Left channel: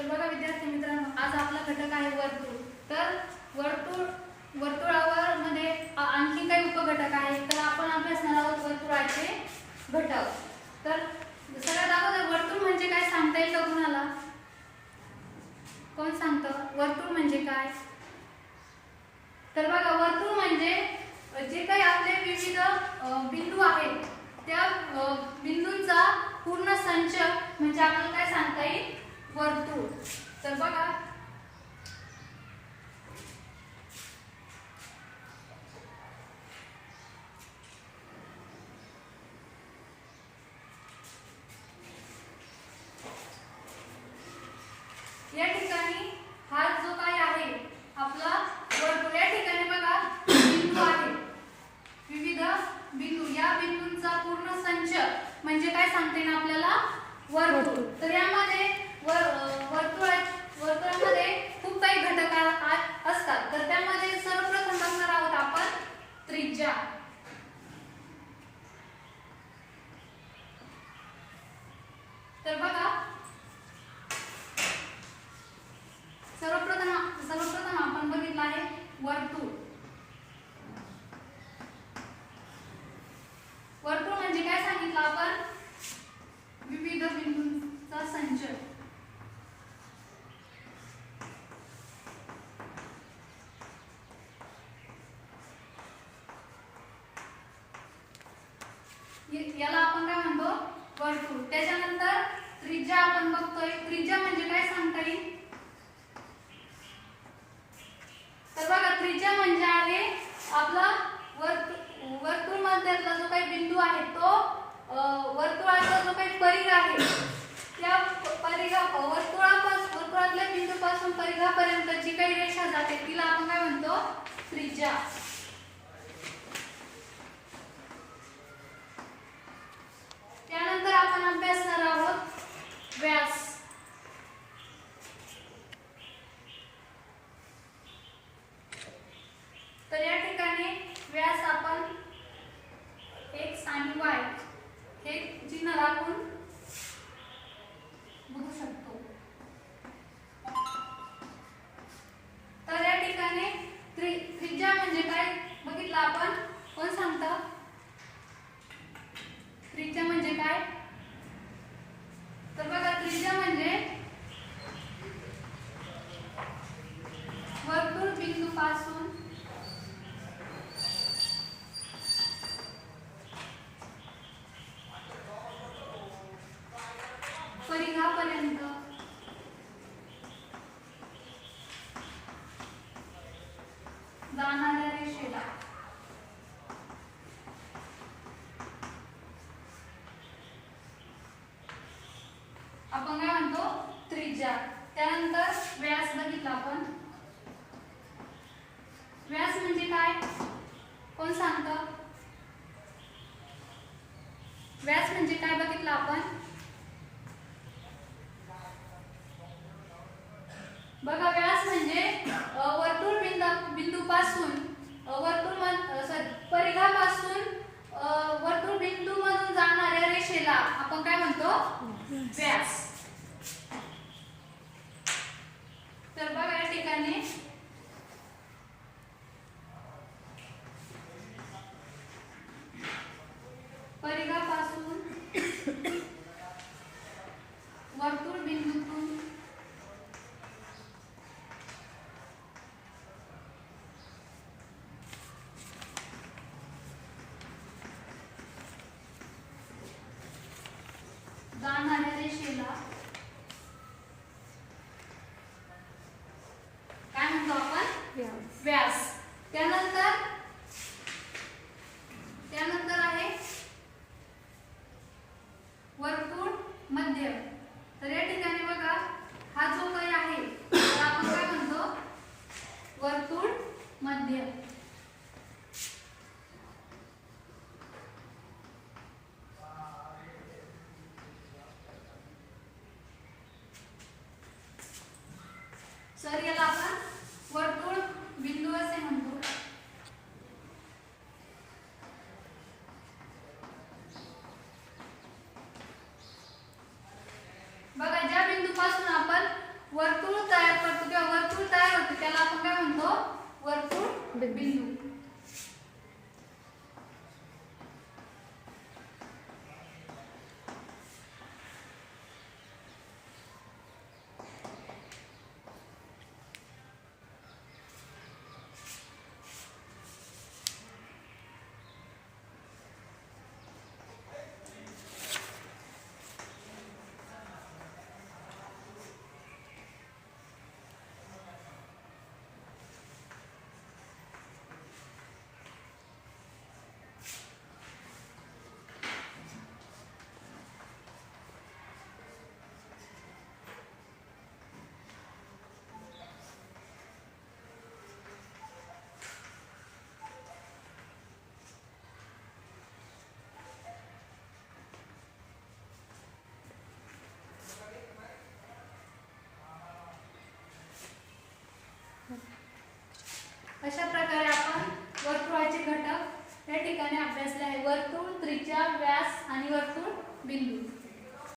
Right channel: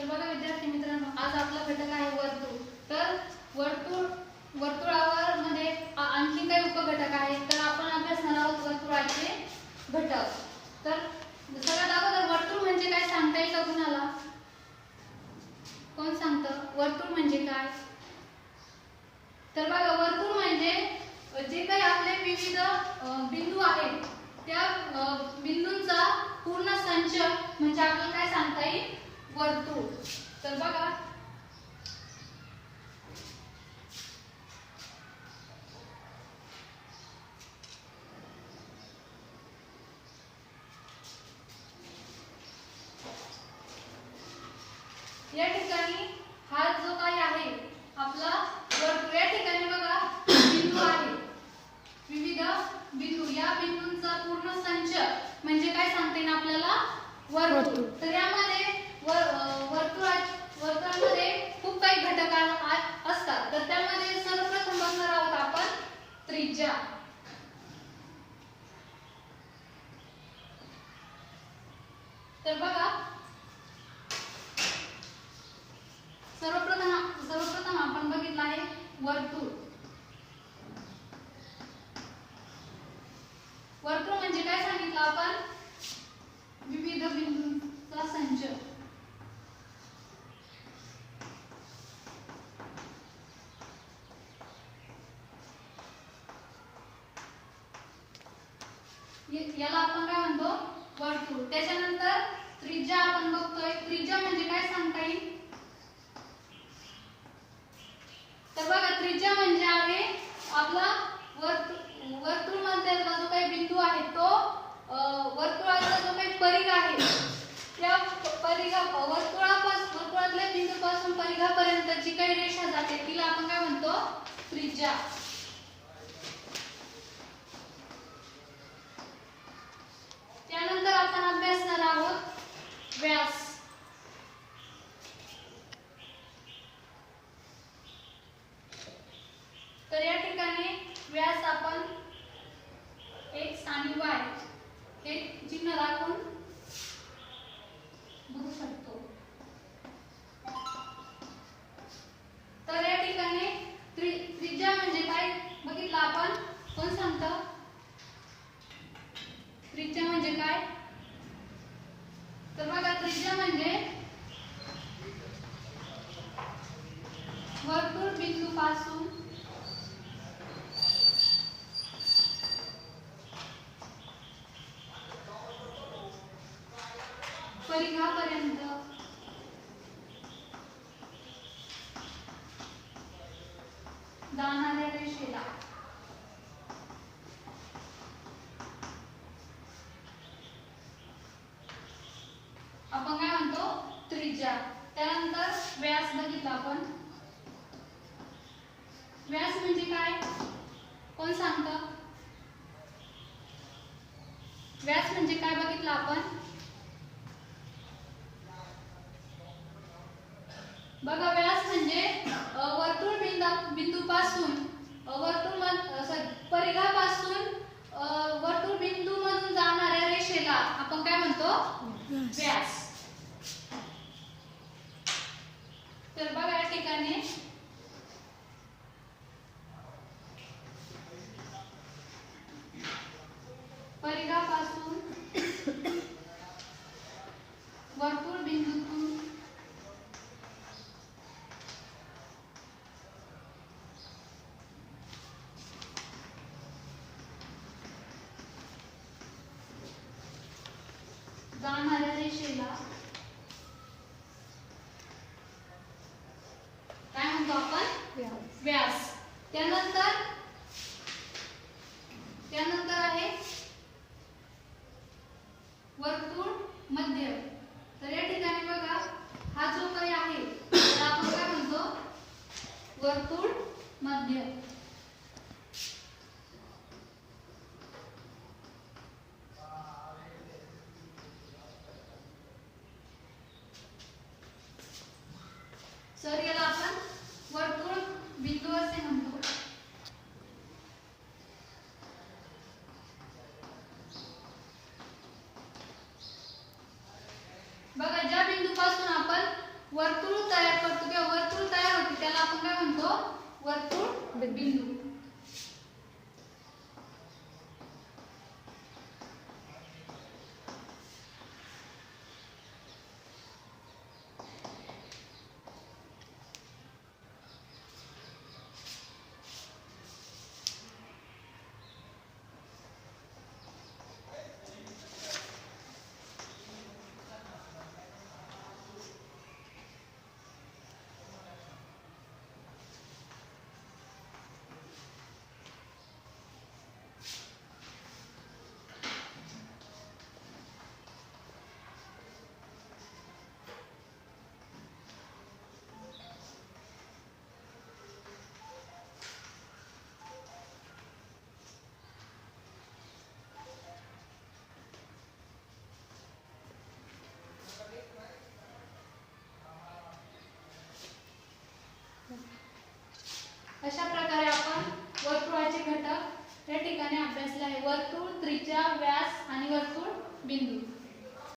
तर बघा विद्यार्थी मित्रांनो, आज आपला घटक आहे वर्तुळ. तर वर्तुळावर मध्ये आणखी काही उपघटक आहेत. तर आपण अभ्यासणार आहोत वर्तुळाचे घटक. तर सगळ्यात अगोदर वर्तुळ म्हणजे काय सांगता येईल का कुणाला? कोण सांगतं वर्तुळ म्हणजे काय? तर बघा, वर्तुळ म्हणजे जे काही आपले विविध बिंदू आहेत त्या बिंदूंचा पूर्ण संच म्हणजे आपल्याला काय सांगता येईल? वर्तुळ. तर बघा, या ठिकाणी हा जो काही आहे आपला वर्तुळ, या ठिकाणी बघा बिंदू आहे, विविध बिंदू. या बिंदूंचा पूर्ण संच म्हणजे काय सांगता येईल आपल्याला? वर्तुळ. तर यामध्ये वर्तुळामध्ये खूप काही घटक असतात. तर त्यामध्ये सर्वप्रथम बघणार आहोत आपण त्रिज्या. तर बघा, सर्वप्रथम आपण बघितलं आहे वर्तुळ. वर्तुळ म्हणजे काय सांगितलं आपण? विविध बिंदूंचा संच. याला आपण काय म्हणतो? वर्तुळ. त्याच्यानंतर त्रिज्या आपण बघतोय. त्रिज्या म्हणजे काय सांगता येईल? तर बघा, त्रिज्या म्हणजे आहे आपला वर्तुळ मधला जो काही बिंदू आहे तो वर्तुळाचा जो काही परिघ आहे त्या वर्तुळातल्या बिंदूपासून परिघापर्यंत जी काही रेषा जाते तिला आपण काय म्हणतो? त्रिज्या. त्यानंतर आपण अभ्यासणार आहोत व्यास. तर या ठिकाणी व्यास आपण x आणि y हे चिन्ह राखून बघू शकतो. तर या ठिकाणी त्रिज्या म्हणजे काय बघितलं आपण? कोण सांगतं त्रिज्या म्हणजे काय? तर बघा, त्रिज्या म्हणजे वर्तुळ बिंदूपासून परिघापर्यंत जाणाऱ्या रेषेला आपण काय म्हणतो? त्रिज्या. त्यानंतर व्यास बघितला आपण. व्यास म्हणजे काय? कोण सांगतं? व्यास म्हणजे काय बघितलं आपण? बघा, व्यास म्हणजे वर्तुळ बिंदूपासून परिघापासून वर्तुळ बिंदू मधून जाणाऱ्या रेषेला आपण काय म्हणतो? व्यास. तर बघा, या ठिकाणी परिघापासून वर्तुळ बिंदूतून जाणाऱ्या रेषेला काय म्हणतो आपण? व्यास. त्यानंतर आहे वर्तुळ मध्य. तर या ठिकाणी बघा, हा जो काही आहे तर आपण काय म्हणतो? वर्तुळ मध्य. सर याला आपण वर्तुळ बिंदू असे म्हणतो. बघा, ज्या बिंदूपासून आपण वर्तुळ तयार करतो किंवा वर्तुळ तयार होते त्याला आपण काय म्हणतो, वर्तुळ बिंदू. अशा प्रकारे आपण वर्तुळाचे घटक या ठिकाणी अभ्यासले आहे. वर्तुळ, त्रिज्या, व्यास आणि वर्तुळ बिंदू.